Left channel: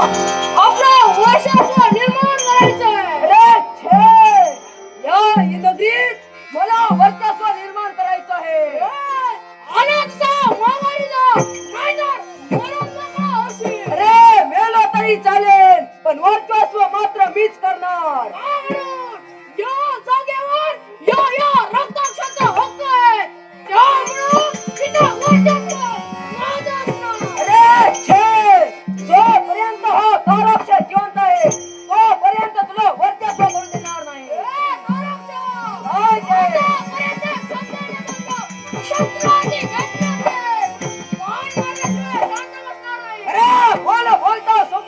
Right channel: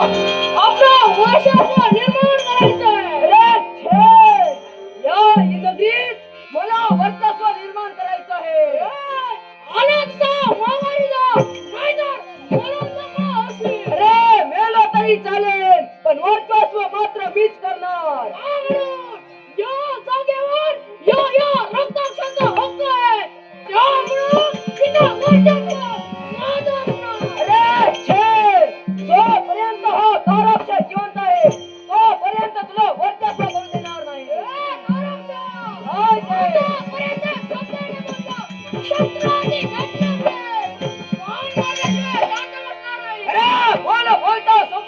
आपला वर्चस्व निर्माण करायचा अरे छे! या युद्धगीत मला वर्चस्व निर्माण करायचं आहे. अनेकदा माघारीला नाहीतर मरून मेलो तरी चालेल पण वर्चस्व मात्र मीच करणार. त्यामुळं या जागेवर या या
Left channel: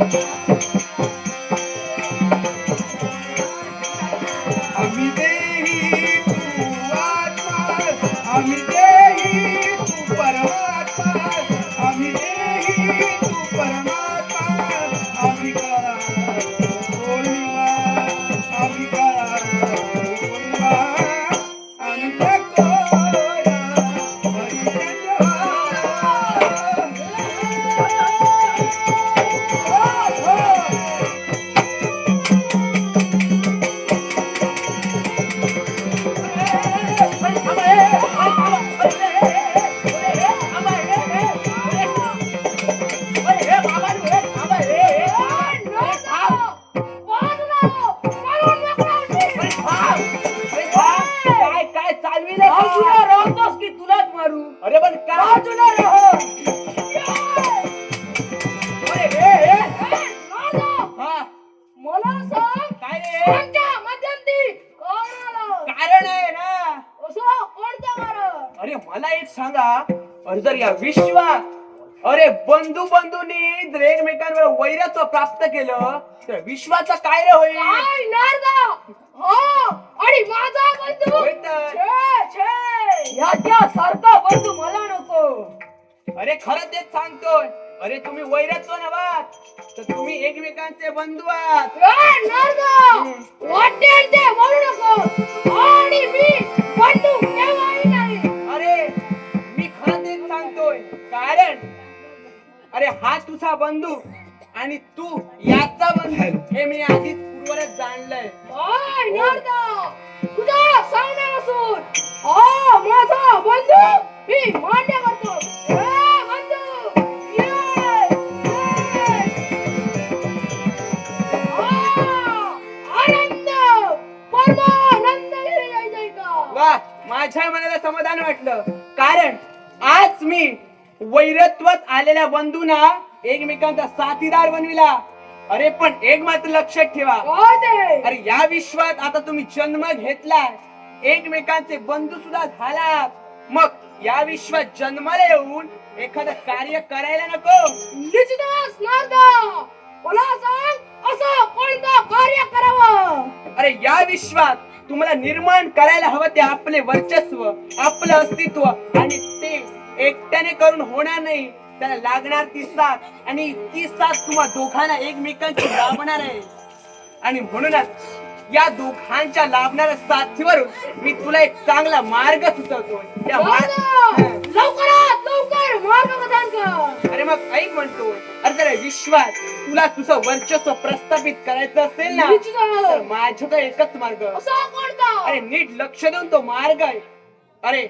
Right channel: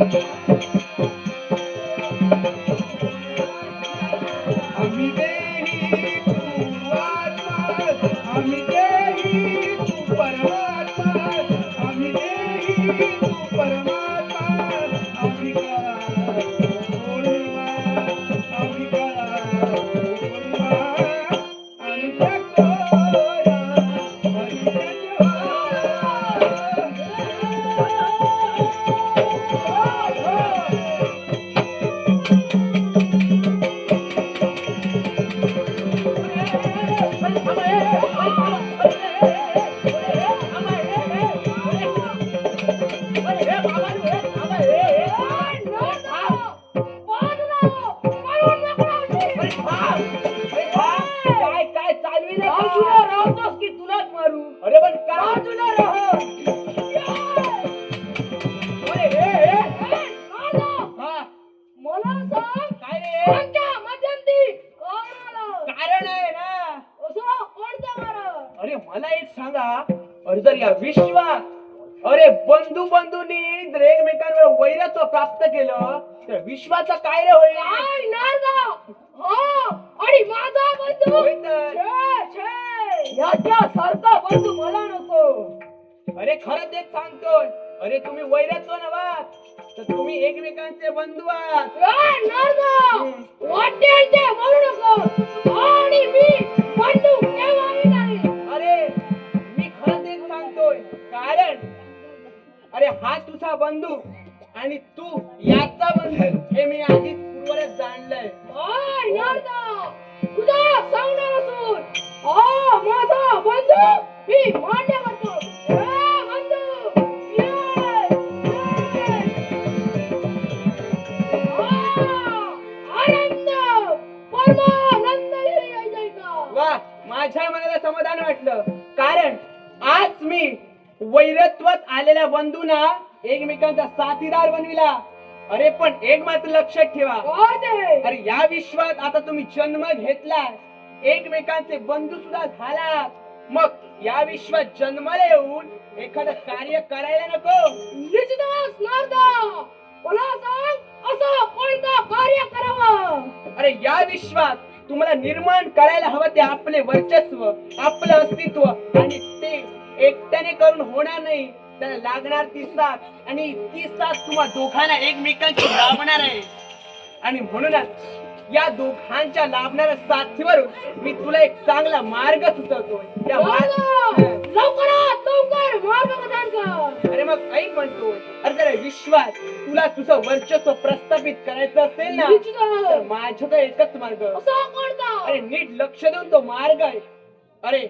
I'm अरे मला एक सांगा जर या विश्वात अरे बंधू बंधूंनी जर एकमेकांवर वैरत्व प्राप्त केलं तर विश्वाचं काय रे होईल? हो आणि माझा बंधू? होय तर. छे, छे. याच्या सारखा बंधू मला नको. अरे खरं तेच सांगतोय. अरे तुम्ही वैरत्व नव्हा तर तुम्ही एकमेकांचे बंधू आहात. ए, नारदा वाटेल अरे हा तुझा बंधू आणि तू याचा बंधू हे मी आधीच पूर्वरच जाणलंय. माझा बंधू मी मान्य करतो माझ्या मनाला समाधान वाटलं. कारण आज मी वैरत्वात आलेल्या बंधूंना एकमेकांचा साथीदार बनविला. अरे पण एक मात्र लक्षात ठेवा. ते. अरे या विश्वात आता तुम्ही जन्म घेतलाय. एकमेकांचे बंधू सुद्धा झालात. मग या विश्वात जन्माला येऊन एखादं कार्य करायला नको. कार्य करावं? अरे या विश्वात तुम्हाला निर्माण करायला हवं ते आपले वर्चस्व आपलं अस्तित्व आणि ते एकट्याने करून होणार नाही. त्याला लागणार ती साथ आणि ती साथ तुम्हा दोघांना एकमेकांची लाभणार आहे. आणि म्हणूनच या दोघांच्या लाभणाऱ्या साथीवर मी तुला एक चांगला मार्ग सुचवतो. त्या अरे मग ऐक म्हणतो. अरे जरा विश्वात तुला तुझं वर्चस्व प्रस्थापित करायचं असेल ना तर माझ्याकडे एकच मार्ग. अरे नीट लक्ष देऊन तो मार्ग आहे. अरे